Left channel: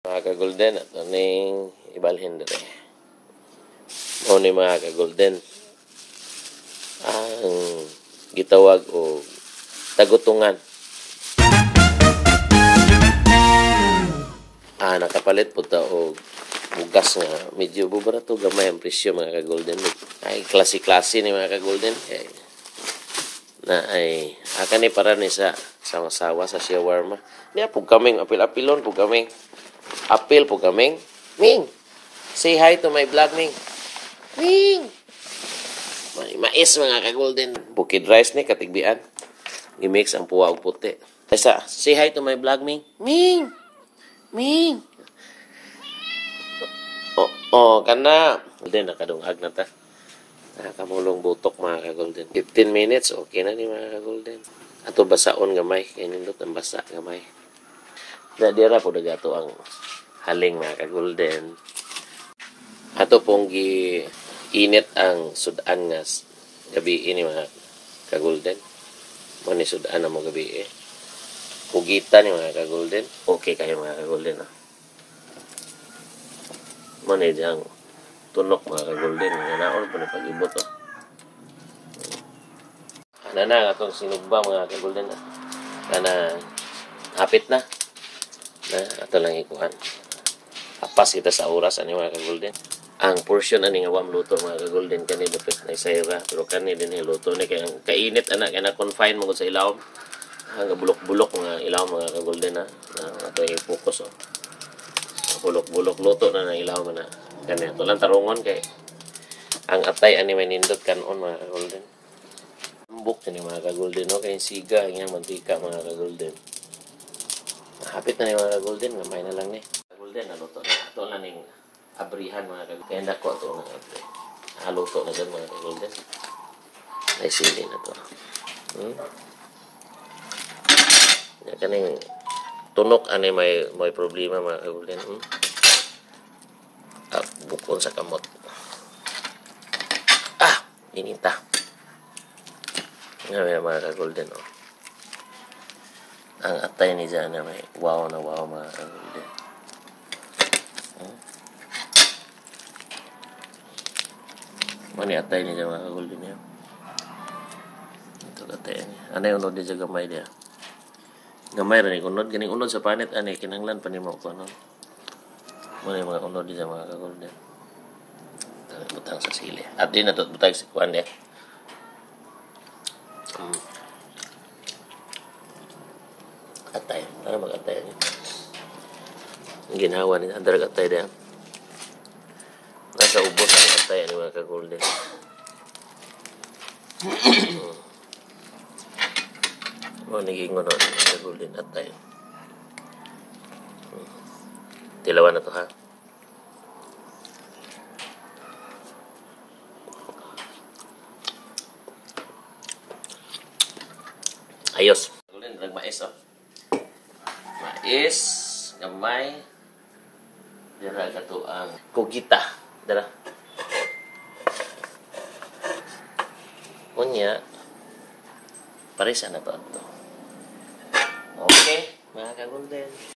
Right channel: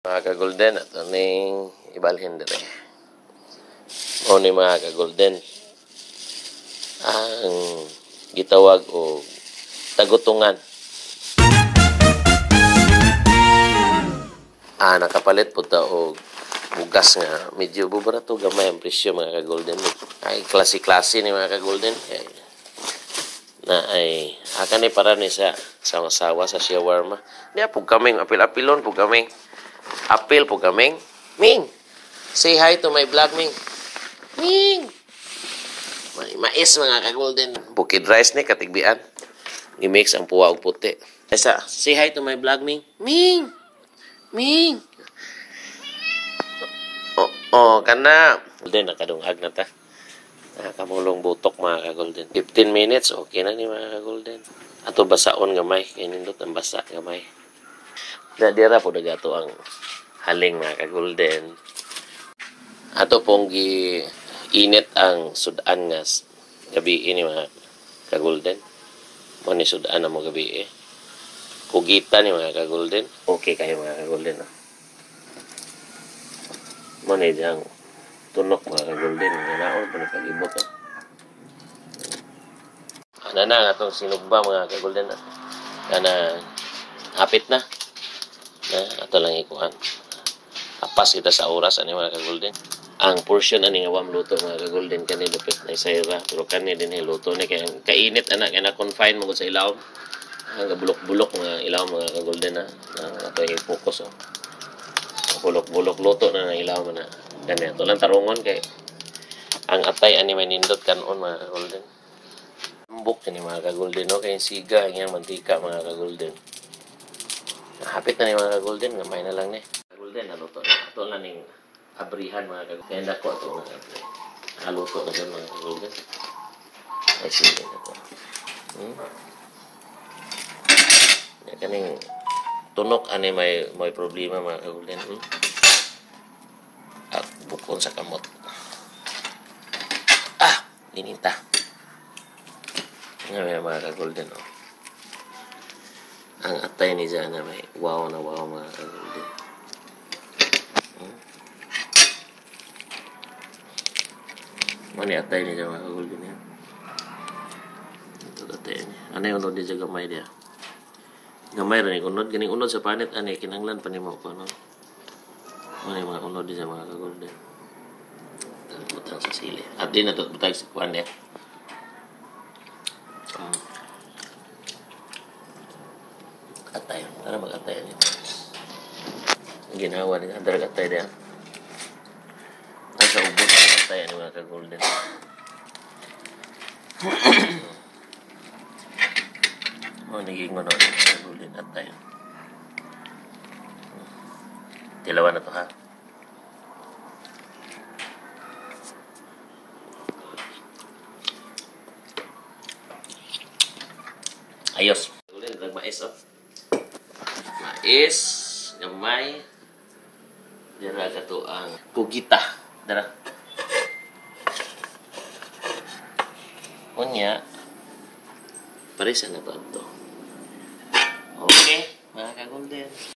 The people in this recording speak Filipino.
Mga ka-golden, at ning ibalhin dire. Mao ni mga ka-golden ang gitawag o tagutungan. Nakapalit po ta og bugas nga medyo bubarato gamay ang presyo mga ka-golden. Ay klase-klase ni mga ka-golden. Ay ni para ni sa sawa sa shawarma. Niya po kaming apil-apilon po kaming. Apil po kaming. Ming, say hi to my vlog, Ming. Ming! May mais mga ka-golden. Bukid rice ni katigbian. I-mix ang puwa og puti. Say hi to my vlog, Ming. Ming! Ming! Kana. Golden, nakadungag na ta. Nakamulong butok mga ka-golden. 15 minutes, okay na ni mga ka-golden. Ato basaon gamay. Kaya nindot ang basa gamay. Dira po nagato ang haling mga ka-golden. Ato pong init ang sudan nga gabi ini mga ka-golden. Mo ni sudan na mo gabi Kugita ni mga ka-golden. Okay kayo mga ka-golden. Mo ni diyang tunok mga ka-golden. Naon po na pag-ibot. Ano na nga itong sinugba mga ka-golden. Kana hapit na. Ato lang ikuhan. Apas kita sa oras ani mga ka-golden. Ang portion ani nga wam luto mga ka-golden kani dapit na isayra pero kani din luto ni kay kainit ana kay na confine mo sa ilawom. Hanggang bulok-bulok mga ilawom mga ka-golden na ato i-focus bulok-bulok luto na ilawom na kani ato lang tarungon kay ang atay ani may nindot kanon mga ka-golden. Ambok ni mga ka-golden no kay siga nga mantika mga ka-golden. Hapit na ni mga ka-golden, gamay na lang ni. Ka-golden, naluto na. Ito na ning abrihan mga ka-golden. Kaya nako ito mga ka-golden. Naluto na dyan mga ka-golden. Ay, sige na ito. Kaning tunok, may problema mga ka-golden. At bukon sa kamot. Inita. Ngayon mga ka-golden, ang atay ni Jana may wow na wow mga ka-golden. Mani atay ni Jana mga ka-golden yun. Ito atay niya. Ano yung unod niya gamay niya? Gamay rin yung unod. Ganing unod sa panit. Kinanglan pa ni mo ko. Ano yung mga unod niya mga ka-golden. Butang sa sili. At din natot butang sa kuwan niya. Atay. Para mag-atay niya. Ang ginawa niya. Andarag atay niya. Nasa ubos ang atay ni mga ka-golden. Naging ano ka-golden atay. Tilawan na to ha. Ayos. Mais mais gamay dira kato ang kugita dara kunya parisa na to okay mga ka-golden.